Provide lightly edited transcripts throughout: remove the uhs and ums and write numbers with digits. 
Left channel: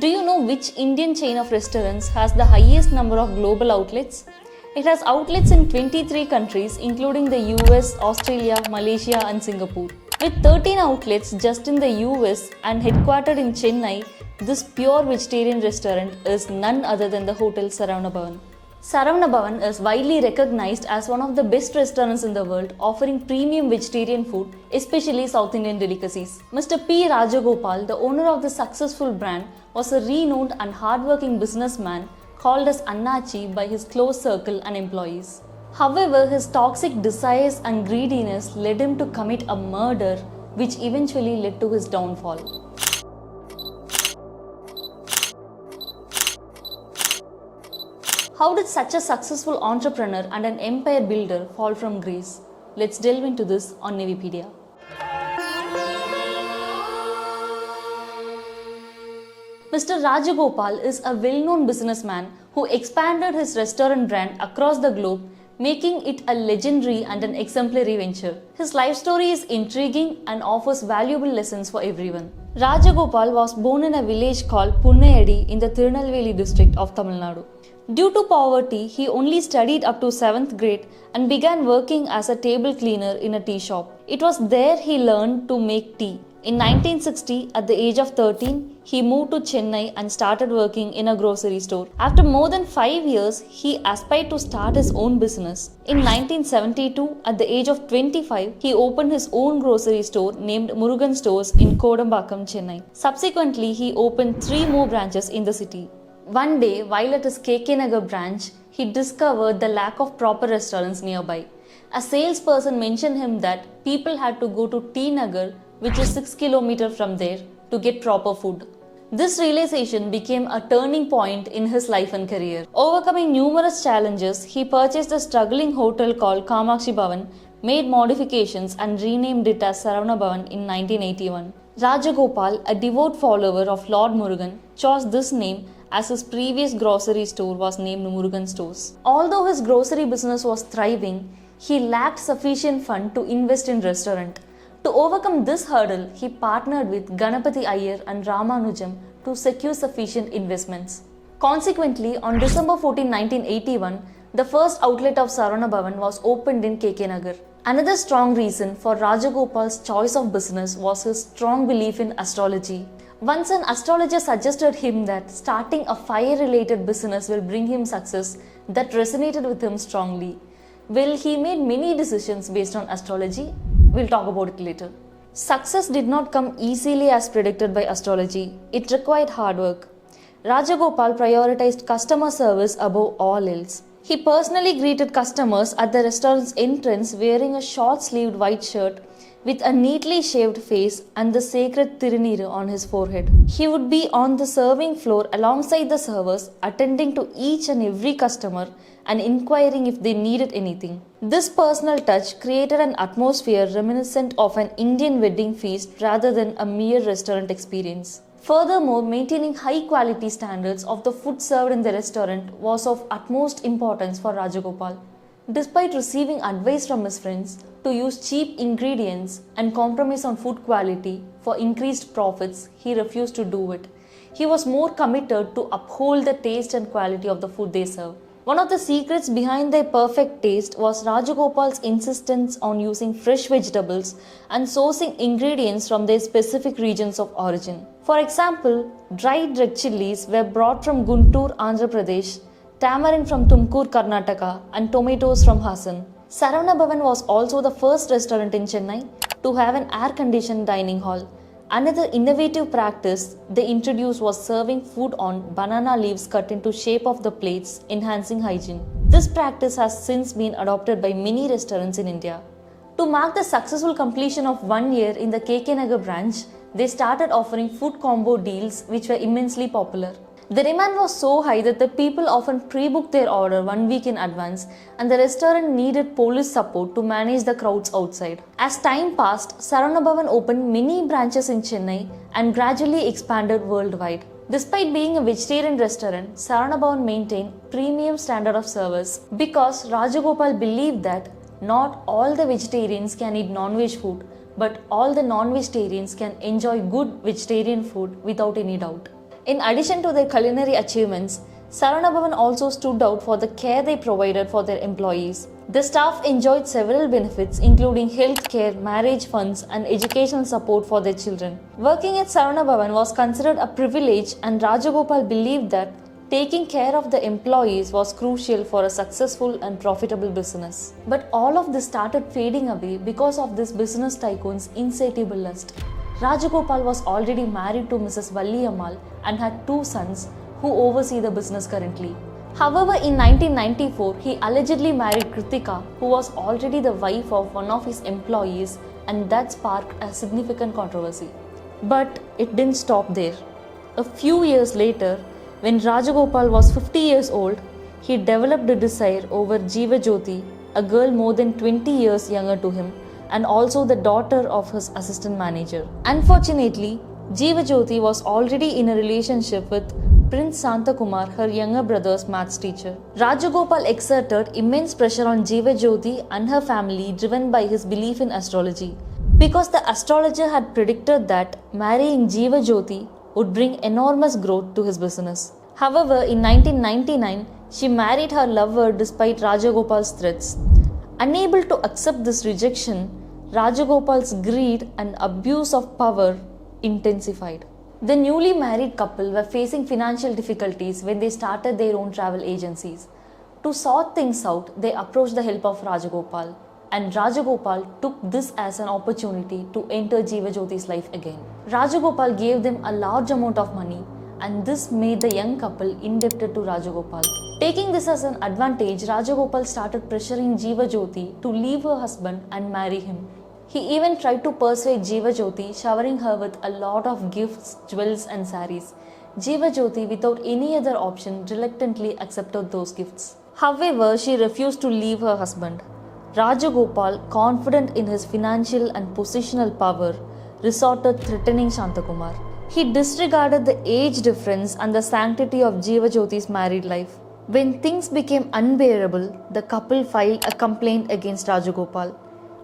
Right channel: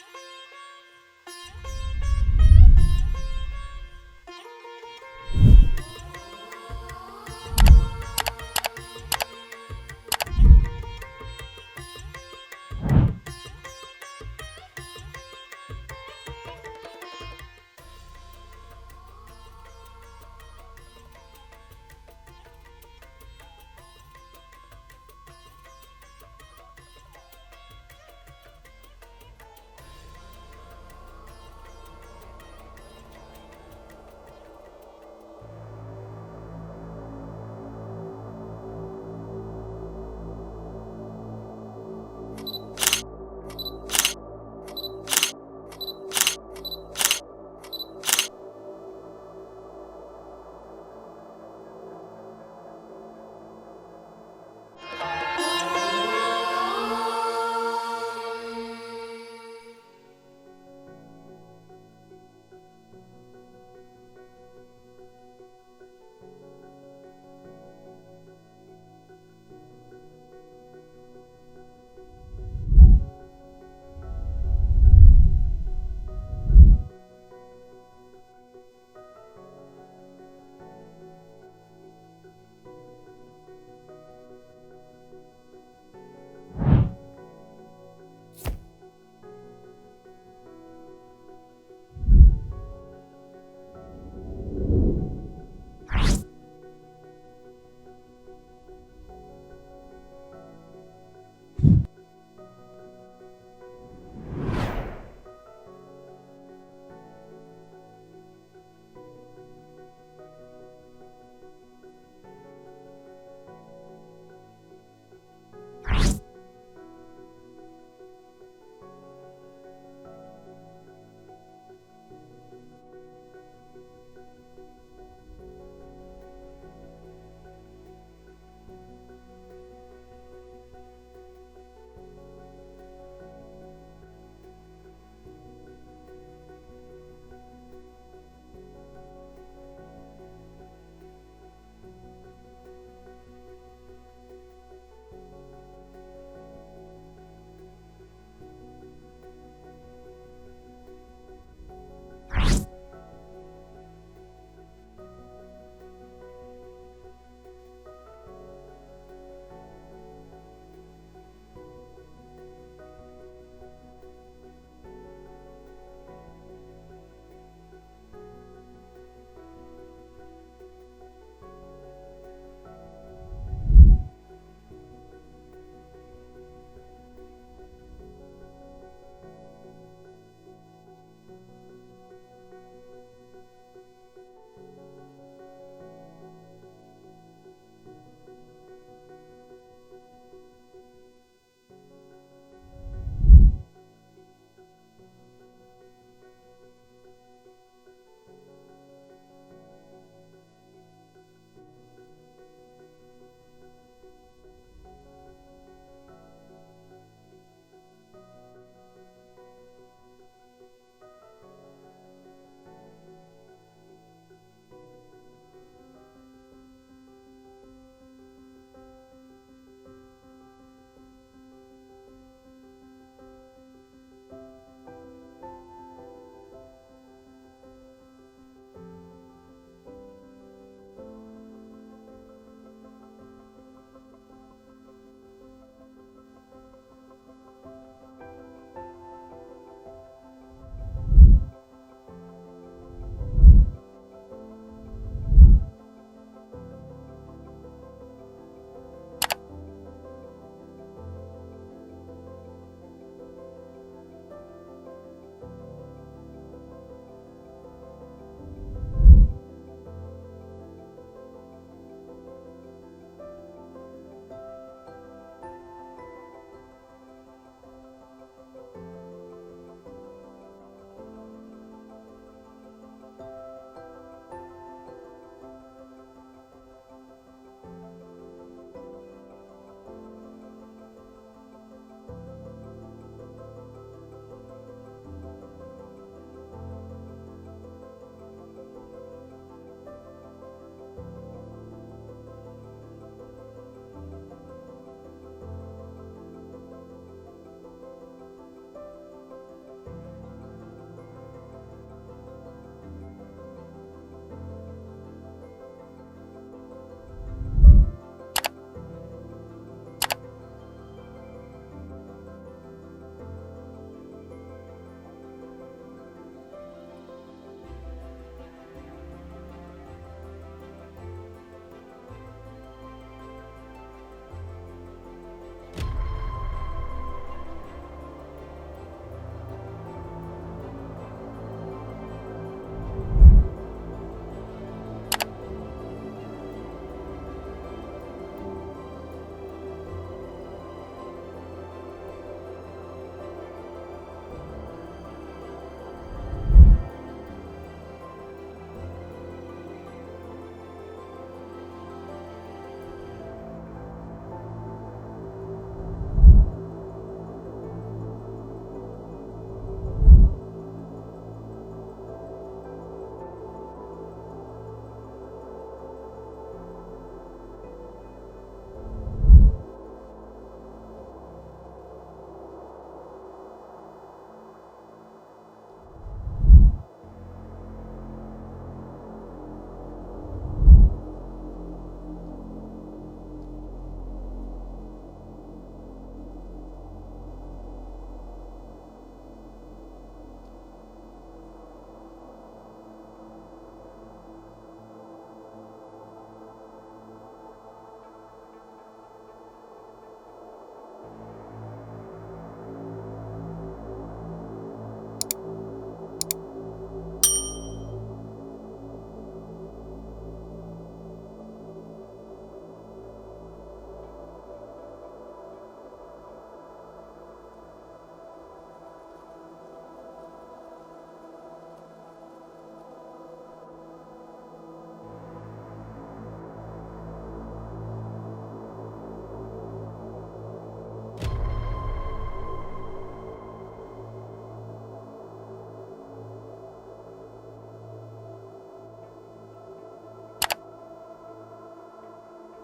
Do you know which Indian chain of restaurants has the highest number of global outlets? It has outlets in 23 countries including the US, Australia, Malaysia and Singapore. With 13 outlets just in the US and headquartered in Chennai, this pure vegetarian restaurant is none other than the Hotel Saravana Bhavan. Saravana Bhavan is widely recognized as one of the best restaurants in the world, offering premium vegetarian food, especially South Indian delicacies. Mr. P. Rajagopal, the owner of the successful brand, was a renowned and hardworking businessman called as Annachi by his close circle and employees. However, his toxic desires and greediness led him to commit a murder, which eventually led to his downfall. How did such a successful entrepreneur and an empire builder fall from grace? Let's delve into this on Nivipedia. Mr. Rajagopal is a well-known businessman who expanded his restaurant brand across the globe, making it a legendary and an exemplary venture. His life story is intriguing and offers valuable lessons for everyone. Rajagopal was born in a village called Punnayadi in the Tirunelveli district of Tamil Nadu. Due to poverty, he only studied up to 7th grade and began working as a table cleaner in a tea shop. It was there he learned to make tea. In 1960, at the age of 13, he moved to Chennai and started working in a grocery store. After more than 5 years, he aspired to start his own business. In 1972, at the age of 25, he opened his own grocery store named Murugan Stores in Kodambakkam, Chennai. Subsequently, he opened 3 more branches in the city. One day, while at his KK Nagar branch, he discovered the lack of proper restaurants nearby. A salesperson mentioned him that people had to go to T Nagar, which is 6 km from there, to get proper food. This realization became a turning point in his life and career. Overcoming numerous challenges, he purchased a struggling hotel called Kamakshi Bhavan, made modifications and renamed it as Saravana Bhavan in 1981. Rajagopal, a devout follower of Lord Murugan, chose this name as his previous grocery store was named Murugan Stores. Although his grocery business was thriving, he lacked sufficient fund to invest in restaurant. To overcome this hurdle, he partnered with Ganapati Iyer and Ramanujam to secure sufficient investments. Consequently, on December 14, 1981, the first outlet of Saravana Bhavan was opened in KK Nagar. Another strong reason for Rajagopal's choice of business was his strong belief in astrology. Once an astrologer suggested him that starting a fire-related business will bring him success, that resonated with him strongly. Well, he made many decisions based on astrology. We'll talk about it later. Success did not come easily as predicted by astrology. It required hard work. Rajagopal prioritized customer service above all else. He personally greeted customers at the restaurant's entrance wearing a short-sleeved white shirt with a neatly shaved face and the sacred Tiruniru on his forehead. He would be on the serving floor alongside the servers, attending to each and every customer and inquiring if they needed anything. This personal touch created an atmosphere reminiscent of an Indian wedding feast rather than a mere restaurant experience. Furthermore, maintaining high quality standards of the food served in the restaurant was of utmost importance for Rajagopal. Despite receiving advice from his friends to use cheap ingredients and compromise on food quality for increased profits, he refused to do it. He was more committed to uphold the taste and quality of the food they serve. One of the secrets behind their perfect taste was Rajagopal's insistence on using fresh vegetables and sourcing ingredients from their specific regions of origin. For example, dried red chilies were brought from Guntur, Andhra Pradesh, tamarind from Tumkur, Karnataka, and tomatoes from Hassan. Saravana Bhavan was also the first restaurant in Chennai to have an air-conditioned dining hall. Another innovative practice they introduced was serving food on banana leaves cut into shape of the plates, enhancing hygiene. This practice has since been adopted by many restaurants in India. To mark the successful completion of 1 year in the KK Nagar branch, they started offering food combo deals which were immensely popular. The demand was so high that the people often pre-booked their order 1 week in advance, and the restaurant needed police support to manage the crowds outside. As time passed, Saravana Bhavan opened many branches in Chennai and gradually expanded worldwide. Despite being a vegetarian restaurant, Saravana Bhavan maintained premium standard of service because Rajagopal believed that not all the vegetarians can eat non-veg food, but all the non-vegetarians can enjoy good vegetarian food without any doubt. In addition to their culinary achievements, Saravana Bhavan also stood out for the care they provided for their employees. The staff enjoyed several benefits including health care, marriage funds and educational support for their children. Working at Saravana Bhavan was considered a privilege and Rajagopal believed that taking care of the employees was crucial for a successful and profitable business. But all of this started fading away because of this business tycoon's insatiable lust. Rajagopal was already married to Mrs. Valli Ammal and had 2 sons who oversee the business currently. However, in 1994, he allegedly married Kritika, who was already the wife of one of his employees, and that sparked a significant controversy. But it didn't stop there. A few years later, when Rajagopal was 50 years old, he developed a desire over Jeeva Jyoti, a girl more than 20 years younger to him, and also the daughter of his assistant manager. Unfortunately, Jeeva Jyoti was already in a relationship with Prince Santakumar, her younger brother's maths teacher. Rajagopal exerted immense pressure on Jeeva Jyoti and her family, driven by his belief in astrology. Because the astrologer had predicted that marrying Jeeva Jyoti would bring enormous growth to his business. However, in 1999, she married her lover despite Rajagopal's threats. Unable to accept this rejection, Rajagopal's greed and abuse of power intensified. The newly married couple were facing financial difficulties when they started their own travel agencies. To sort things out, they approached the help of Rajagopal, and Rajagopal took this as an opportunity to enter Jeeva Jyoti's life again. Rajagopal gave them a large amount of money, and this made the young couple indebted to Rajagopal. Taking this as an advantage, Rajagopal started pressuring Jeeva Jyoti to leave her husband and marry him. He even tried to persuade Jeeva Jyoti, showering her with a lot of gifts, jewels and saris. Jeeva Jyoti, without any other option, reluctantly accepted those gifts. However, she refused to leave her husband. Rajagopal, confident in his financial and positional power, resorted threatening Shantakumar. He disregarded the age difference and the sanctity of Jeeva Jyoti's married life. When things became unbearable, the couple filed a complaint against Rajagopal.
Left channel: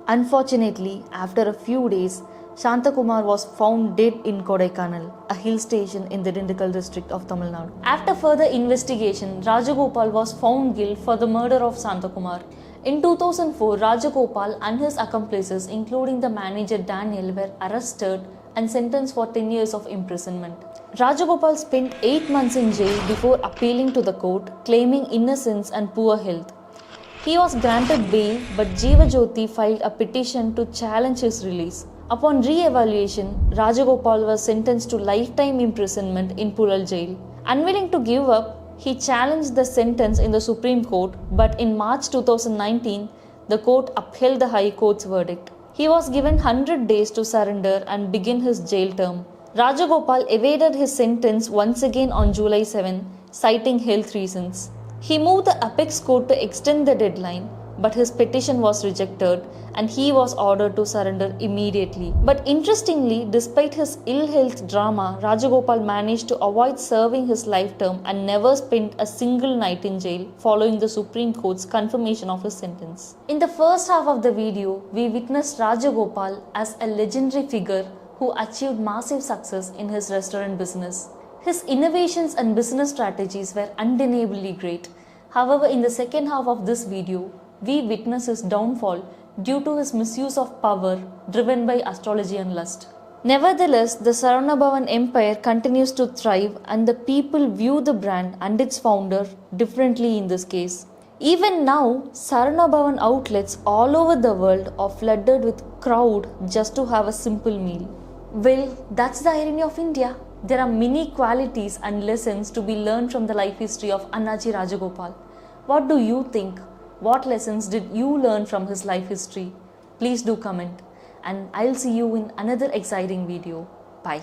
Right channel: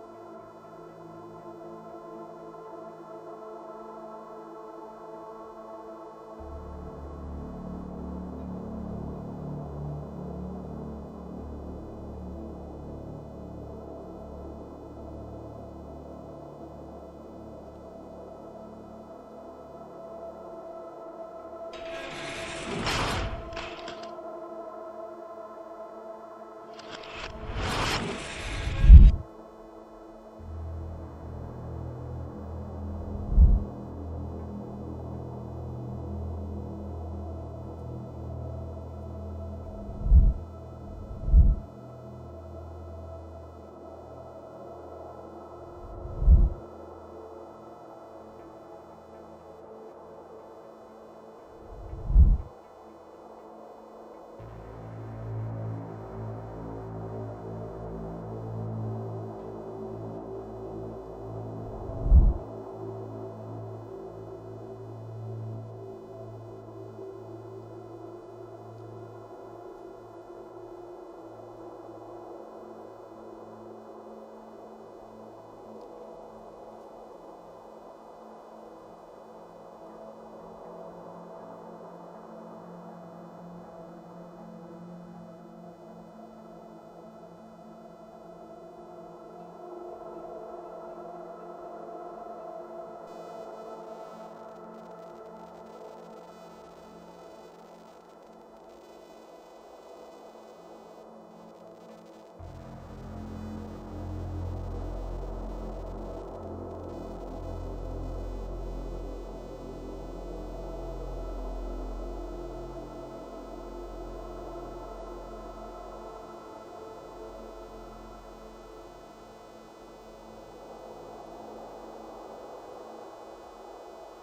Unfortunately, after a few days, Shantakumar was found dead in Kodaikanal, a hill station in the Dindigul district of Tamil Nadu. After further investigation, Rajagopal was found guilty for the murder of Shantakumar. In 2004, Rajagopal and his accomplices, including the manager Daniel, were arrested and sentenced for 10 years of imprisonment. Rajagopal spent 8 months in jail before appealing to the court, claiming innocence and poor health. He was granted bail, but Jeeva Jyoti filed a petition to challenge his release. Upon re-evaluation, Rajagopal was sentenced to lifetime imprisonment in Pulal jail. Unwilling to give up, he challenged the sentence in the Supreme Court, but in March 2019, the court upheld the High Court's verdict. He was given 100 days to surrender and begin his jail term. Rajagopal evaded his sentence once again on July 7, citing health reasons. He moved the apex court to extend the deadline, but his petition was rejected and he was ordered to surrender immediately. But interestingly, despite his ill health drama, Rajagopal managed to avoid serving his life term and never spent a single night in jail following the Supreme Court's confirmation of his sentence. In the first half of the video, we witnessed Rajagopal as a legendary figure who achieved massive success in his restaurant business. His innovations and business strategies were undeniably great. However, in the second half of this video, we witness his downfall due to his misuse of power driven by astrology and lust. Nevertheless, the Saravana Bhavan empire continues to thrive and the people view the brand and its founder differently in this case. Even now, Saravana Bhavan outlets all over the world are flooded with crowd just to have a simple meal. Well, that's the irony of India. There are many qualities and lessons to be learned from the life history of Annachi Rajagopal. What do you think? What lessons did you learn from his life history? Please do comment, and I'll see you in another exciting video. Bye.